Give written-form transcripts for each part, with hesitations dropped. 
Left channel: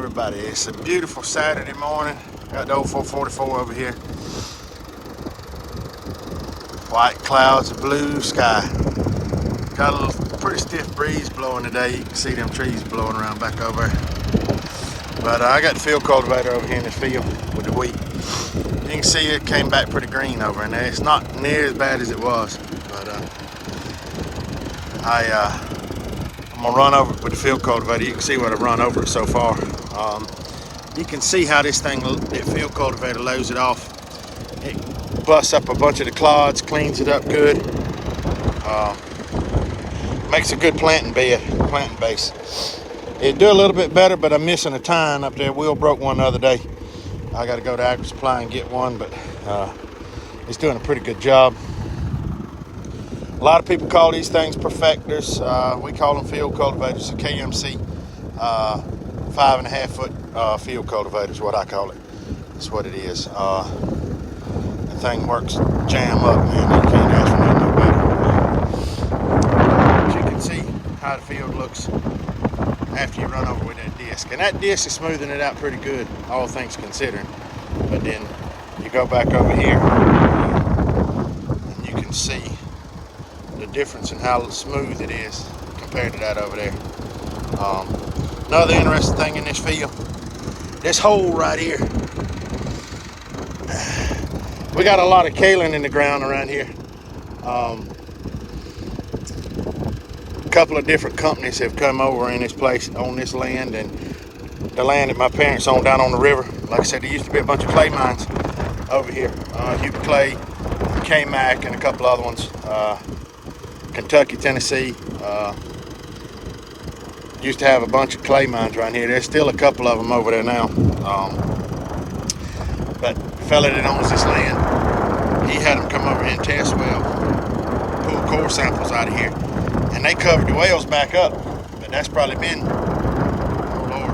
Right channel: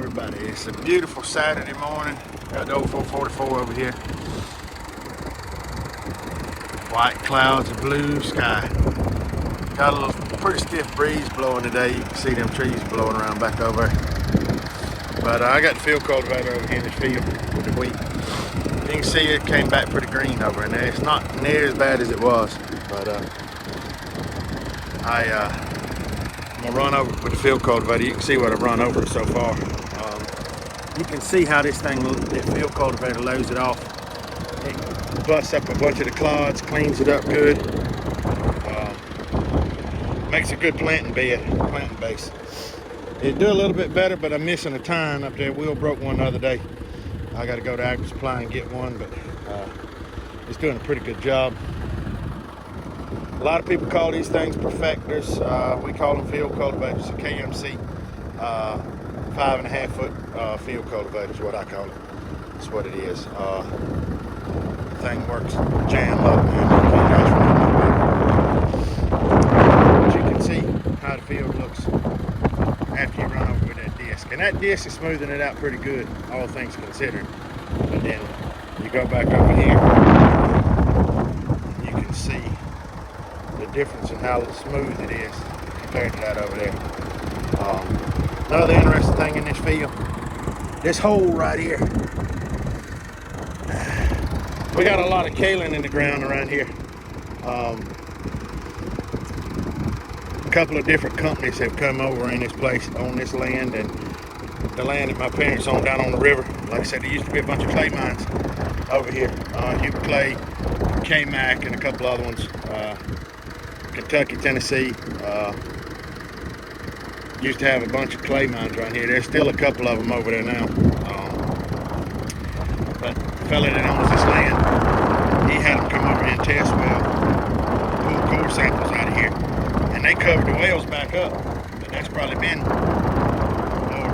everybody. It's a beautiful Saturday morning. Got the old 444 over here. White clouds, blue sky. Got a little pretty stiff breeze blowing today. You can see them trees blowing around back over there. But I got the field cultivator over here in this field with the wheat. You can see it came back pretty green over in there. It's not near as bad as it was, but I'm gonna run over it with the field cultivator. You can see what I've run over it so far. You can see how this thing, that field cultivator loads it off. It busts up a bunch of the clods, cleans it up good. Makes a good planting bed, planting base. It'd do a little bit better, but I'm missing a tine up there. Wheel broke one the other day. I got to go to Agri Supply and get one, but it's doing a pretty good job. A lot of people call these things perfectors. We call them field cultivators. A KMC 5.5 foot field cultivator is what I call it. That's what it is. The thing works jam up, man. You can't ask for nothing better. As you can see how the field looks after you run over with that disc. And that disc is smoothing it out pretty good, all things considering. But then you go back over here, and you can see the difference in how smooth it is compared to that over there. Another interesting thing in this field, this hole right here. We got a lot of kaolin in the ground around here. A couple of different companies have come over in this place, on this land, and the land that my parents owned down on the river. Like I said, there used to be a bunch of clay mines over here. Hubert Clay, K-Mac, and a couple other ones. Kentucky, Tennessee, used to have a bunch of clay mines around here. There's still a couple of them over there now. But the fella that owns this land, he had them come over here and test well, pull core samples out of here, and they covered the wells back up. But that's probably been, oh Lord,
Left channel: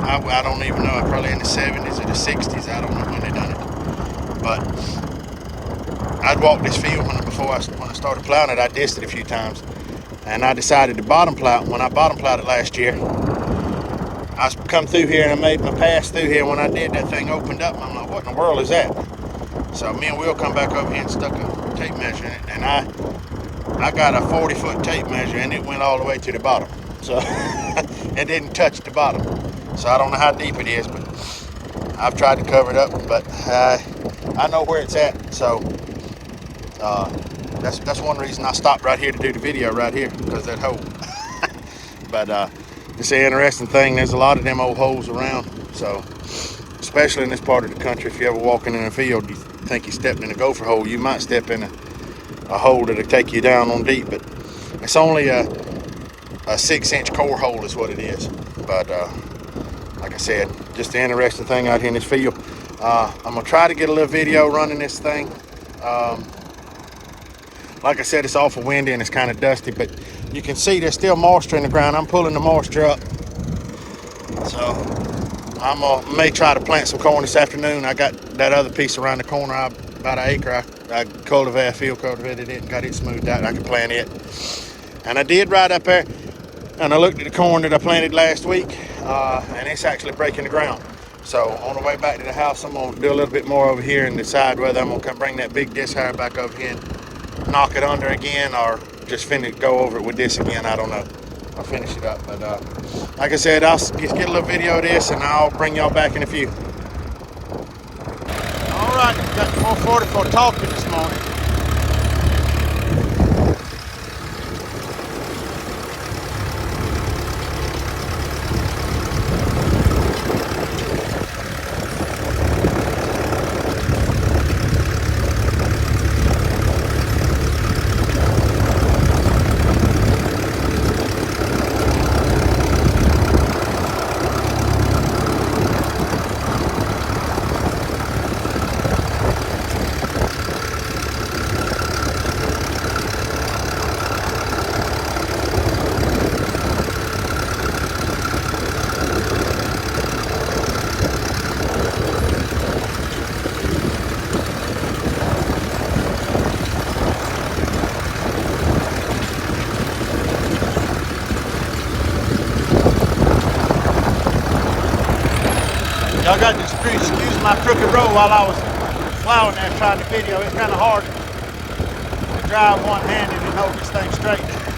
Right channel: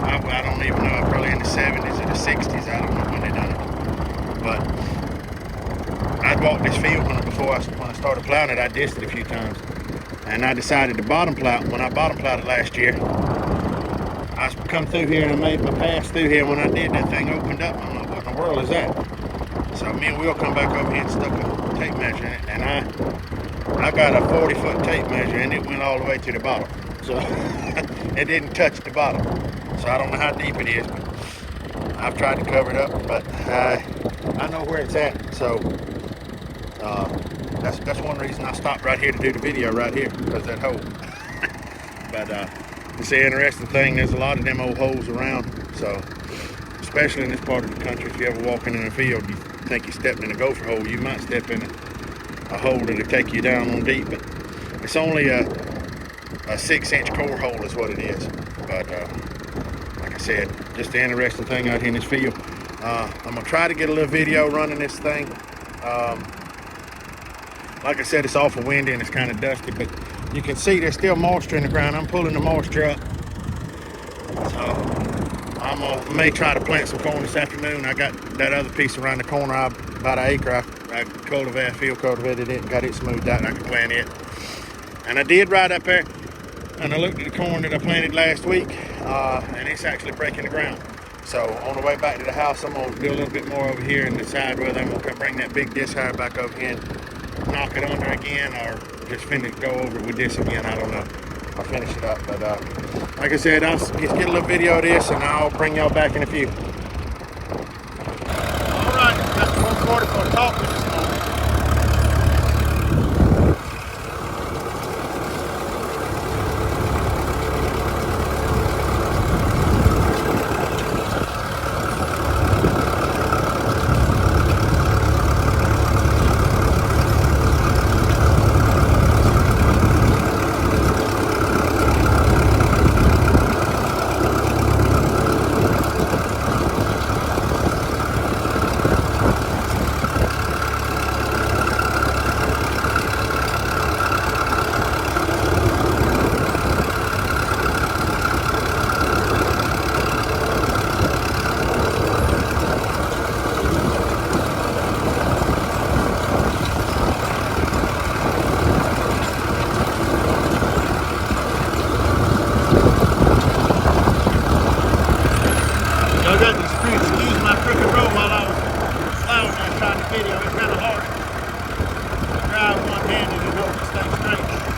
I don't even know, probably in the 70s or the 60s. I don't know when they done it. But I'd walked this field when I started plowing it. I dissed it a few times, and I decided to bottom plow it. When I bottom plowed it last year, I come through here and I made my pass through here. When I did, that thing opened up, and I'm like, what in the world is that? So me and Will come back over here and stuck a tape measure in it, and I got a 40-foot tape measure, and it went all the way to the bottom. So it didn't touch the bottom. So I don't know how deep it is, but I've tried to cover it up, but I know where it's at. So that's one reason I stopped right here to do the video right here, because that hole. But it's an interesting thing. There's a lot of them old holes around. So especially in this part of the country, if you ever walking in a field, you think you're stepping in a gopher hole, you might step in a hole that'll take you down on deep. But it's only a 6-inch core hole is what it is. But like I said, just an interesting thing out here in this field. I'm gonna try to get a little video running this thing. Like I said, it's awful windy and it's kind of dusty, but you can see there's still moisture in the ground. I'm pulling the moisture up. So may try to plant some corn this afternoon. I got that other piece around the corner, about an acre. I field cultivated it and got it smoothed out. I can plant it. And I did right up there, and I looked at the corn that I planted last week, and it's actually breaking the ground. So on the way back to the house, I'm gonna do a little bit more over here and decide whether I'm gonna come bring that big disc hire back over here and knock it under again, or just go over it with this again. I don't know. I'll finish it up. But like I said, I'll just get a little video of this, and I'll bring y'all back in a few. All right, got 440 for talking this morning. on there and tried to video. It's kind of hard to drive one-handed and hold this thing straight.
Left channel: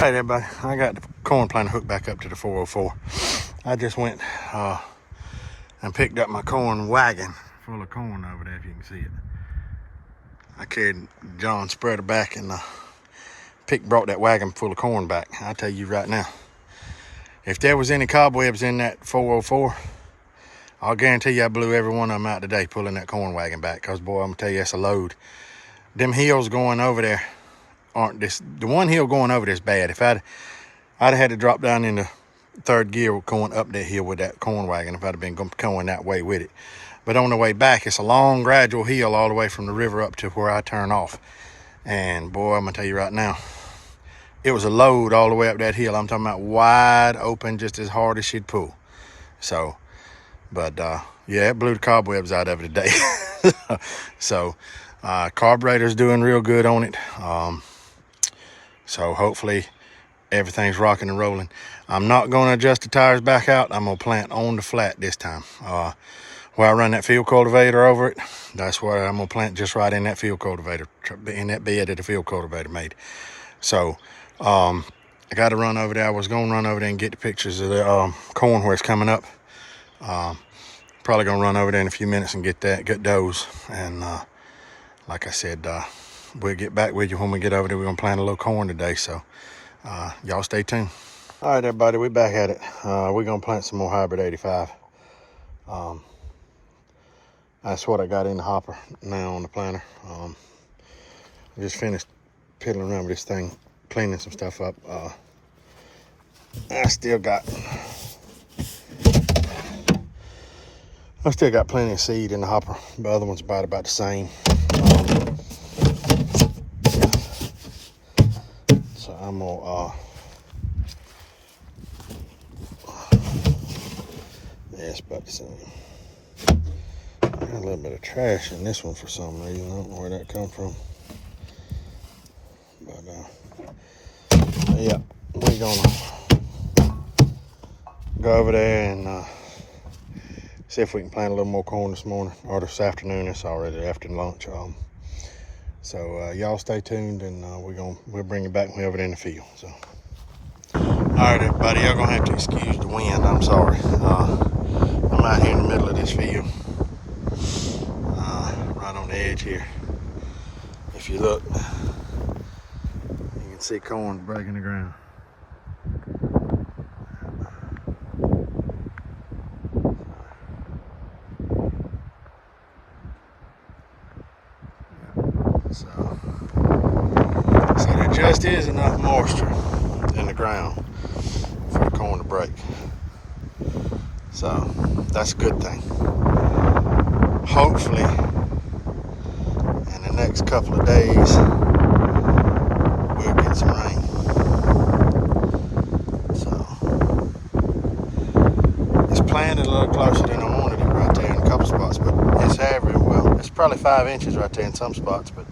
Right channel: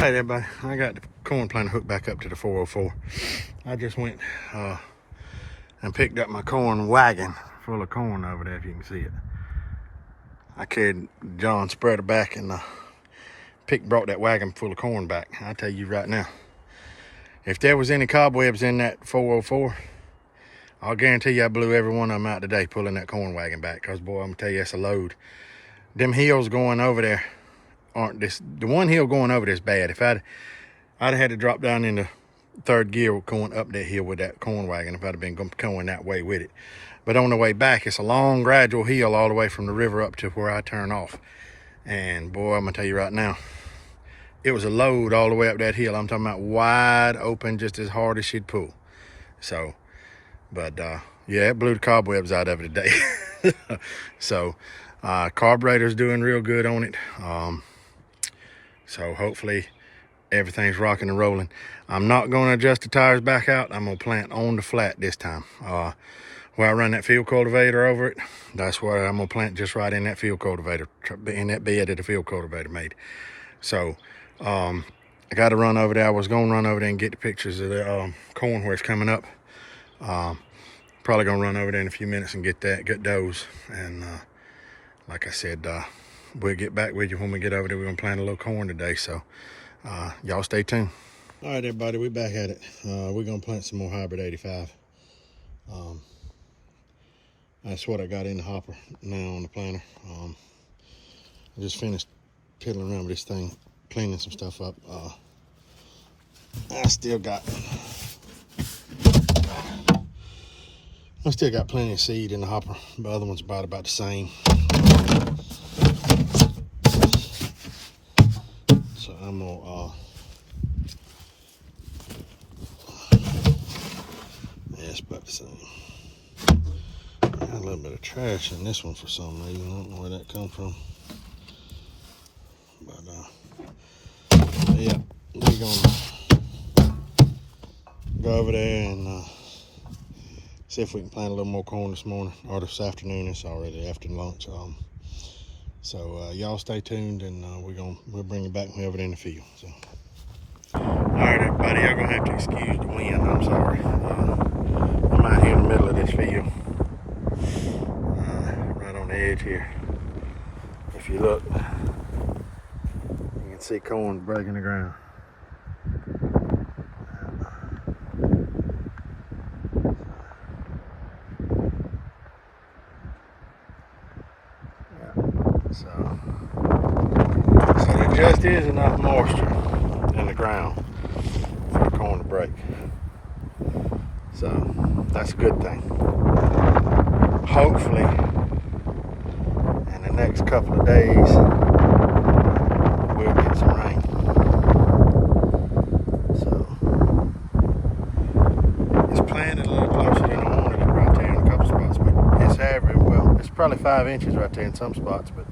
Hey everybody, I got the corn planter hooked back up to the 404. I just went and picked up my corn wagon full of corn over there, if you can see it. I carried John's spreader back and brought that wagon full of corn back. I tell you right now, if there was any cobwebs in that 404, I'll guarantee you I blew every one of them out today pulling that corn wagon back, because boy, I'm gonna tell you, that's a load. Them hills going over there aren't this, the one hill going over there is bad. If I'd have had to drop down into third gear going up that hill with that corn wagon if I'd have been going that way with it. But on the way back, it's a long gradual hill all the way from the river up to where I turn off. And boy, I'm gonna tell you right now, it was a load all the way up that hill. I'm talking about wide open, just as hard as she'd pull. So, but yeah, it blew the cobwebs out of it today. So carburetor's doing real good on it. So hopefully everything's rocking and rolling. I'm not going to adjust the tires back out. I'm going to plant on the flat this time. Where I run that field cultivator over it, that's where I'm going to plant, just right in that field cultivator, in that bed that the field cultivator made. So I got to run over there. I was going to run over there and get the pictures of the corn where it's coming up. Probably going to run over there in a few minutes and get those. And like I said, we'll get back with you when we get over there. We're gonna plant a little corn today, so y'all stay tuned. All right, everybody, we're back at it. We're gonna plant some more hybrid 85. That's what I got in the hopper now on the planter. I just finished piddling around with this thing, cleaning some stuff up. I still got plenty of seed in the hopper. The other one's about the same. So I'm gonna yeah, it's about the same. I got a little bit of trash in this one for some reason. I don't know where that come from. But yeah, we're gonna go over there and see if we can plant a little more corn this morning or this afternoon. It's already after lunch. So y'all stay tuned, and we'll bring you back when we're over there in the field. So, all right, everybody, y'all gonna have to excuse the wind. I'm sorry. I'm out here in the middle of this field, right on the edge here. If you look, you can see corn breaking the ground. So there just is enough moisture in the ground for the corn to break. So that's a good thing. Hopefully in the next couple of days we'll get some rain. So it's planted a little closer than I wanted it right there in a couple spots, but it's average. Well, it's probably 5 inches right there in some spots, but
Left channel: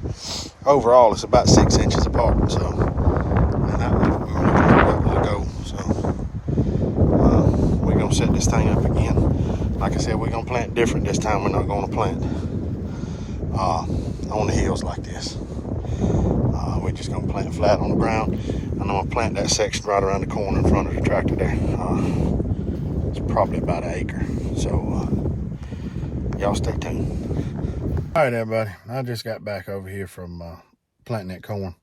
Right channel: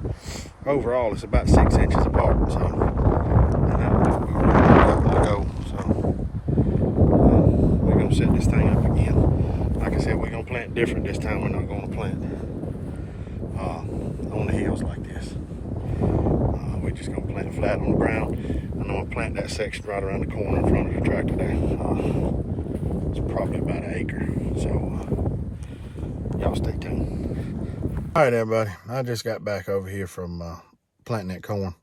overall it's about 6 inches apart. So and that one's to go. So we're gonna set this thing up again. Like I said, we're gonna plant different this time. We're not gonna plant on the hills like this. We're just gonna plant flat on the ground, and I'm gonna plant that section right around the corner in front of the tractor there. It's probably about an acre. So y'all stay tuned. All right, everybody. I just got back over here from planting that corn.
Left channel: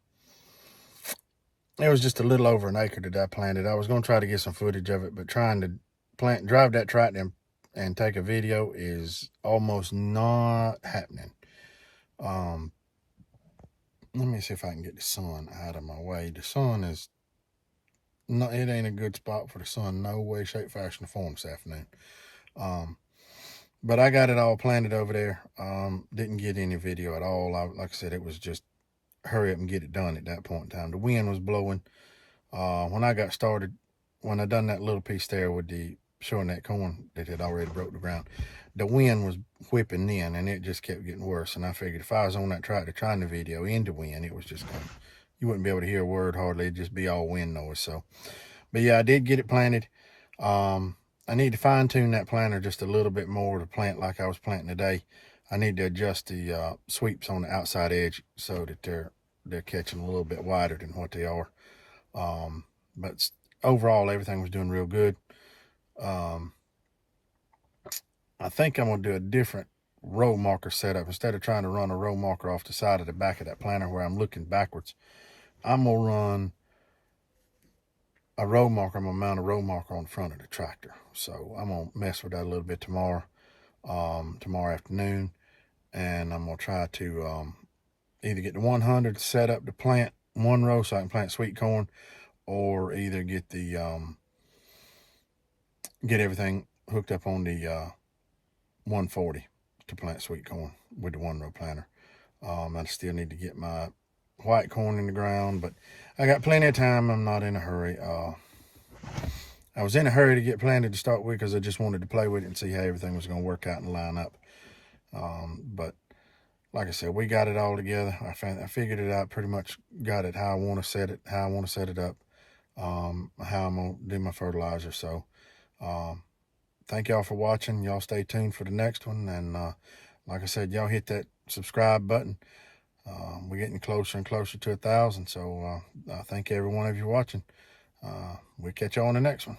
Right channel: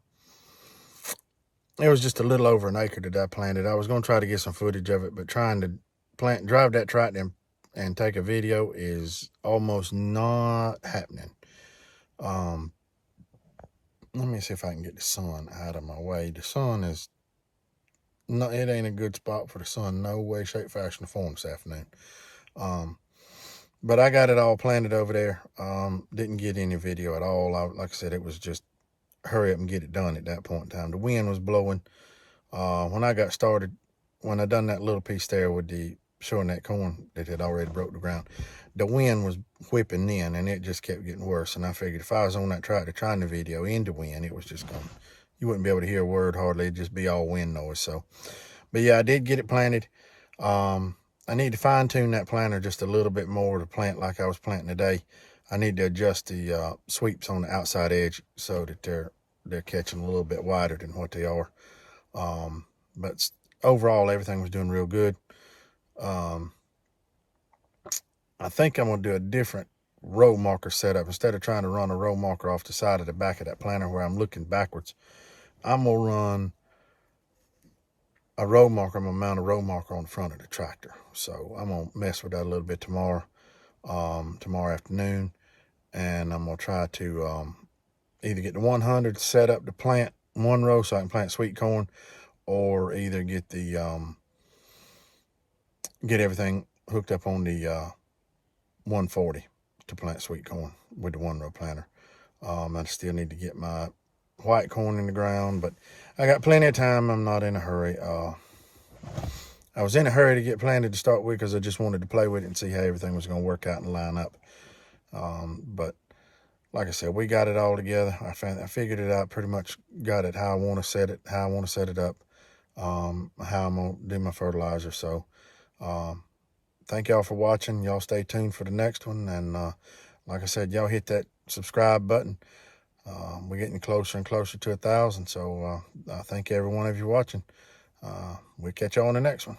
It was just a little over an acre that I planted. I was gonna try to get some footage of it, but trying to drive that tractor and take a video is almost not happening. Let me see if I can get the sun out of my way. The sun is no, it ain't a good spot for the sun. No way, shape, fashion, or form this afternoon. But I got it all planted over there. Didn't get any video at all. Like I said, it was just hurry up and get it done at that point in time. The wind was blowing. When I got started, when I done that little piece there with the showing that corn that had already broke the ground, the wind was whipping in, and it just kept getting worse. And I figured if I was on that tractor trying the video in the wind, it was just going, you wouldn't be able to hear a word hardly. It'd just be all wind noise. So, but yeah, I did get it planted. I need to fine tune that planter just a little bit more to plant like I was planting today. I need to adjust the sweeps on the outside edge so that they're catching a little bit wider than what they are. But overall, everything was doing real good. I think I'm going to do a different row marker setup. Instead of trying to run a row marker off the side of the back of that planter where I'm looking backwards, I'm going to run a row marker. I'm going to mount a row marker on the front of the tractor. So I'm going to mess with that a little bit tomorrow afternoon. And I'm going to try to either get the 100 set up to plant one row so I can plant sweet corn, or either get the get everything hooked up on the 140 to plant sweet corn with the 1-row planter. I still need to get my white corn in the ground, but I got plenty of time. I'm not in a hurry. I was in a hurry to get planted to start with because I just wanted to play with it and see how everything was going to work out and line up. But like I said, we got it all together. I figured it out, pretty much got it how I want to set it, up, how I'm going to do my fertilizer. So thank y'all for watching. Y'all stay tuned for the next one. And like I said, y'all hit that subscribe button. We're getting closer and closer to 1,000. So I thank every one of you watching. We'll catch y'all on the next one.